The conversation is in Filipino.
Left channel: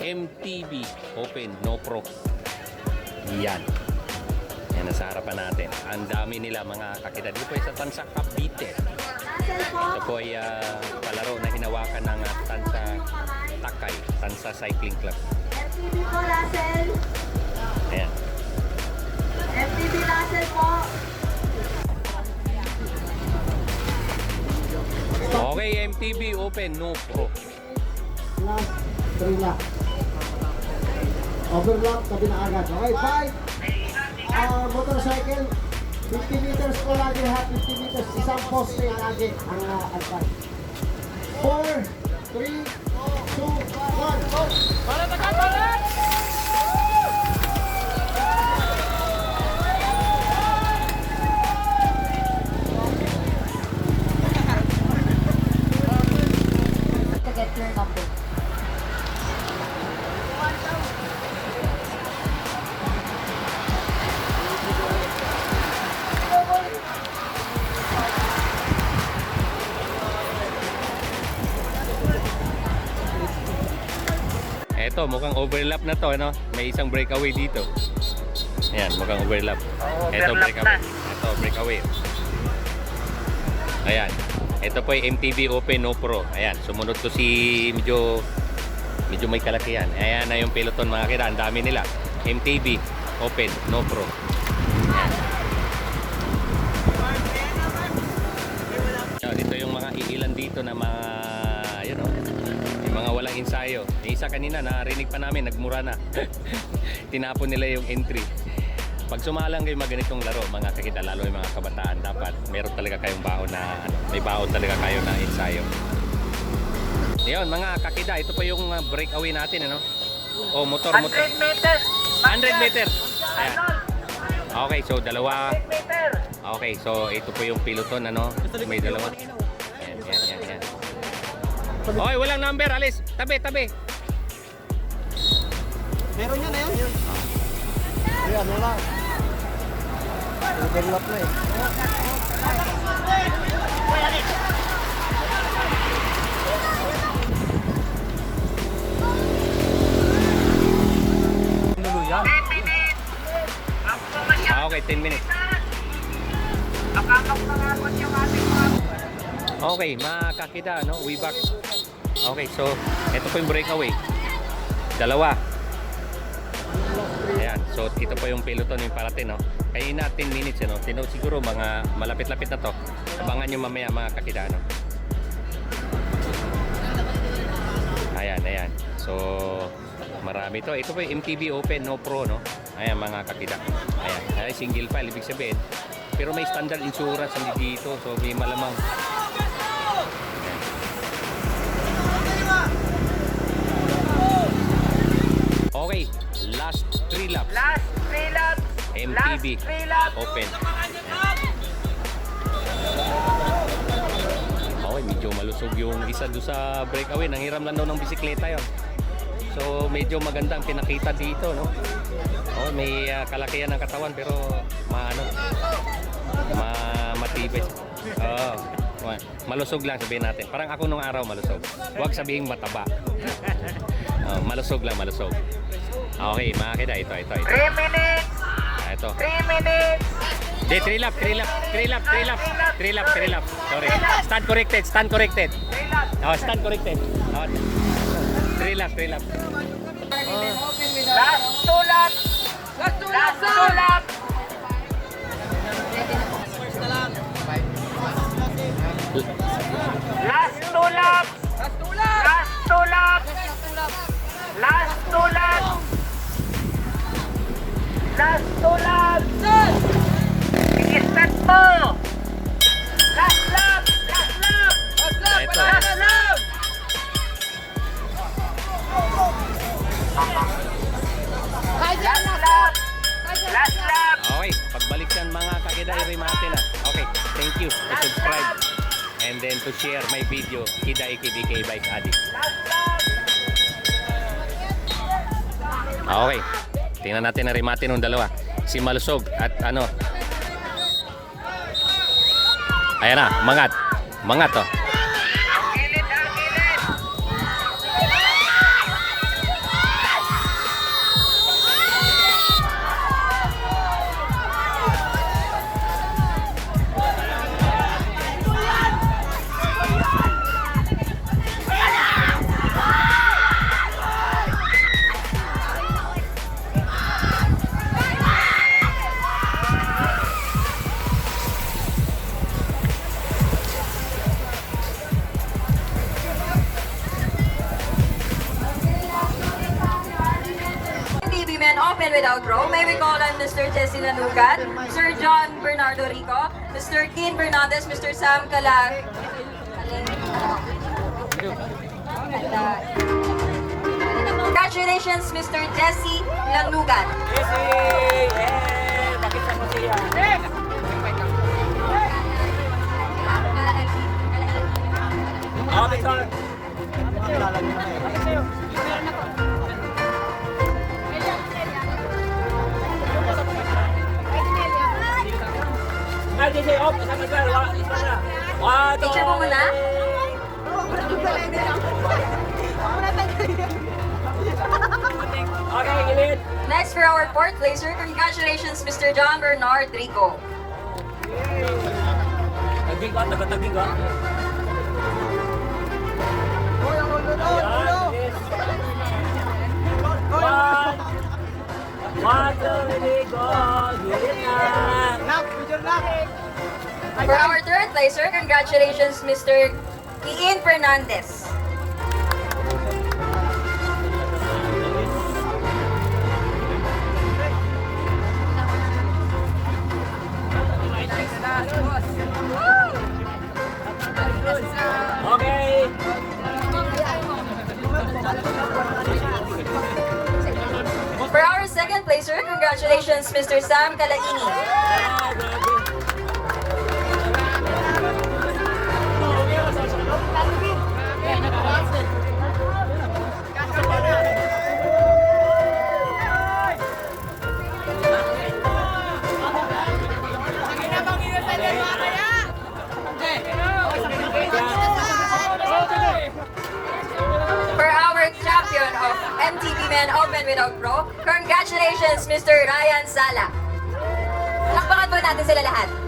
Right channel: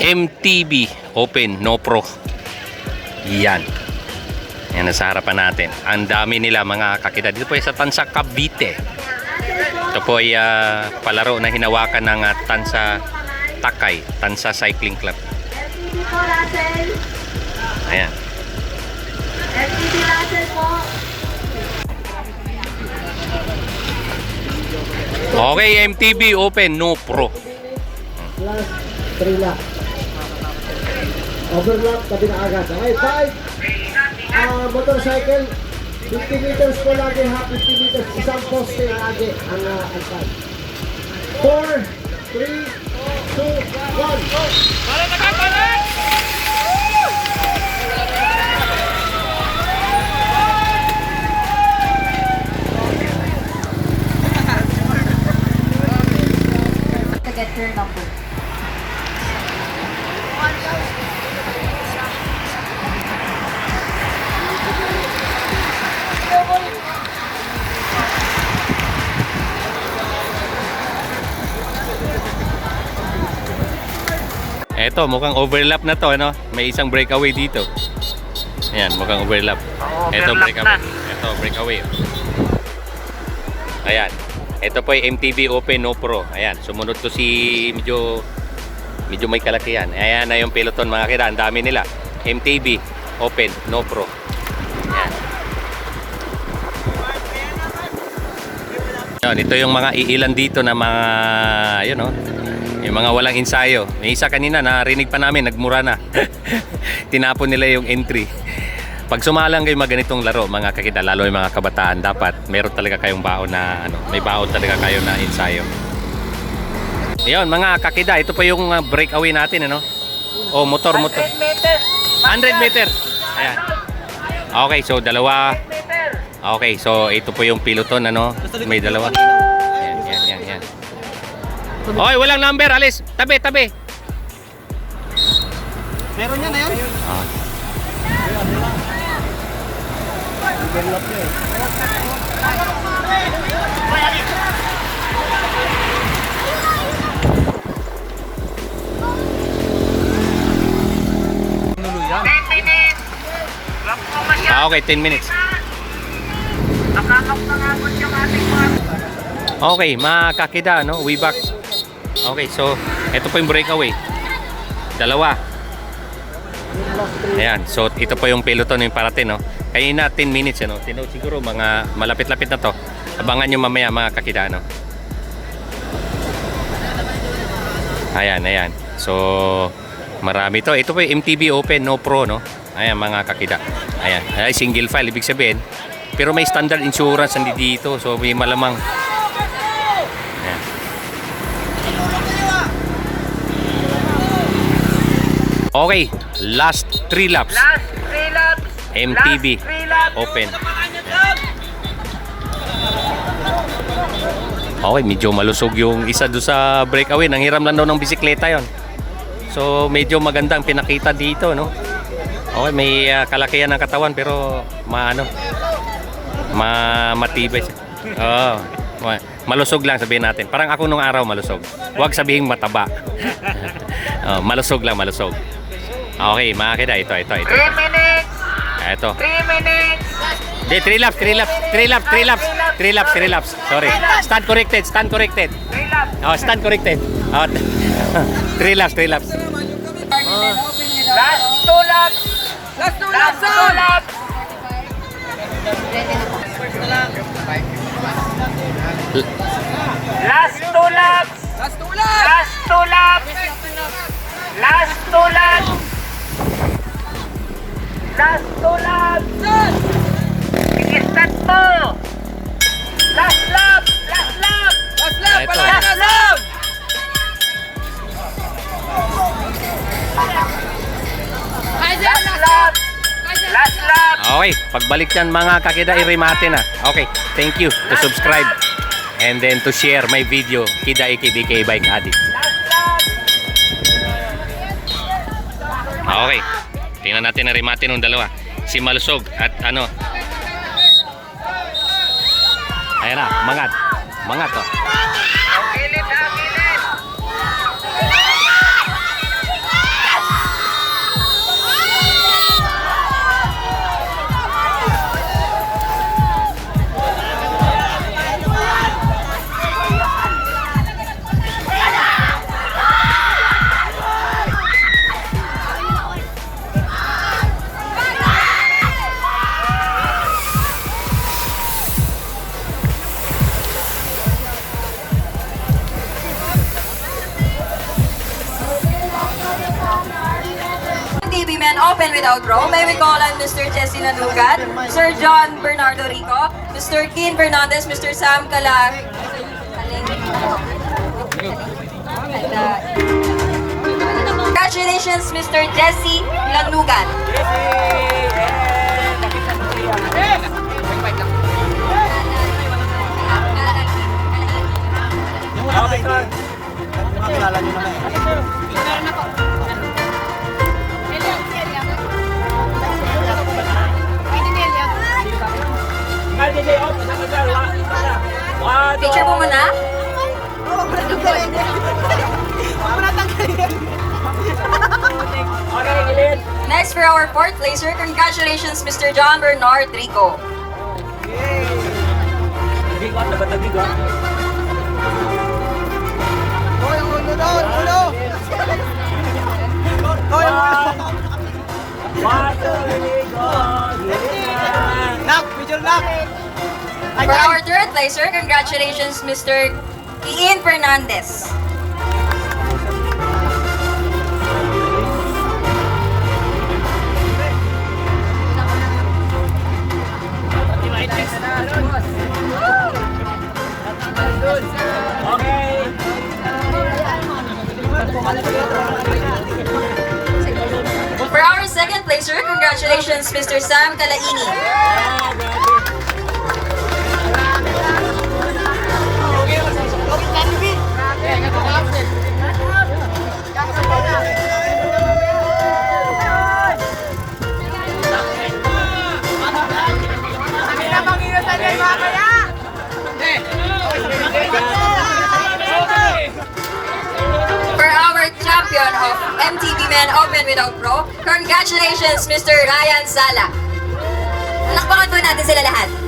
MTB Open No Pro. Yan. Yan nasa harapan natin. Ang dami nila mga kakita. Dito po ay sa Tansa Cavite. Ito po ay palaro na hinawakan ng Tansa Takay, Tansa Cycling Club. FTB po, Russell. Ayan. FTB Russell po. Okay, MTB Open No Pro. Last 3 lap. Overlap, tabi na agad. Okay, 5. Motorcycle, 50 meters po lagi ha. 50 meters, isang poste lagi ang alpad. 4, 3, 2, 1. Balik na ka, balik! Get your number. Eto, mukhang overlap na to, ano? May isang breakaway dito. Ayan, mukhang overlap. Eto, breakaway. Eto, breakaway. Ayan. Ito po yung MTB Open No Pro. Ayan, sumunod to si medyo may kalakihan. Ayan na yung peloton mga kida. Ang dami nila. MTB Open No Pro. Ayan. Ito yung mga iilan dito na mga, yun o, yung mga walang ensayo. May isa kanina, narinig pa namin, nagmura na. Tinapon nila yung entry. Pag sumalang kayo ganitong laro, mga kakita, lalo yung mga kabataan, dapat meron talaga kayong baon na, may baon talaga kayo na ensayo. Ayun, mga kakida, ito pa yung breakaway natin, ano? Oh, motor. 100 meter. Ayan. Okay, so dalawa. Okay, so ito po yung peloton, ano? May dalawa. Yan. Okay, walang number, alis. Tabi. Meron yan na yun? Ayan. Overlap na eh. Okay, 10 minutes. Okay, mga kakida, no? We back. Okay, so ito po yung breakaway. Dalawa. Ayan, so ito po yung peloton yung parating, no? Kanina 10 minutes, ano? Siguro mga malapit-lapit na to. Abangan nyo mamaya mga kakida, no? Ayan. So marami to. Ito po yung MTB Open No Pro, no? Ayan mga kakida. Ayan, ay single file ibig sabihin. Pero may standard insurance dito, so may malamang. Ayan. Okay, last 3 laps. MTB Open. Ayan. Okay, medyo malusog yung isa doon sa breakaway. Nanghiram lang daw ng bisikleta yon. So medyo maganda ang pinakita dito, no? Okay, may kalakihan ng katawan pero matibay. Oh, malusog lang sabihin natin. Parang ako nung araw malusog. Huwag sabihin mataba. Malusog. Okay, mga kida, ito. 3 minutes. Ito. 3 minutes. De, 3 laps. Sorry. Stand corrected. 3 laps. Oh, stand corrected. Oh, 3 laps. Last 2 laps. Last 2 laps. Last 2 laps. I-start mo. Last lap. Ito. Last lap. Okay, pagbalik yan mga kakida, i-remate na. Okay, thank you to subscribe and then to share my video, Kida AKBK Bike Addict. Okay, tingnan natin na remate nung dalawa. Si Malusog at ano. Ayan na, mangat to. Men Open Without Pro, may we call on Mr. Jesse Lanugat, Sir John Bernardo Rico, Mr. Kin Fernandez, Mr. Sam Kala. Congratulations, Mr. Jesse Lanugat. Picture po muna. Next for our fourth placer, congratulations Mr. John Bernard Rico. For our third placer, congratulations Mr. Ian Fernandez. For our second placer, congratulations Mr. Sam Kalaini. For our champion of MTV Men Open Without Pro, congratulations Mr. Ryan Sala. Palakpakan po natin sila lahat.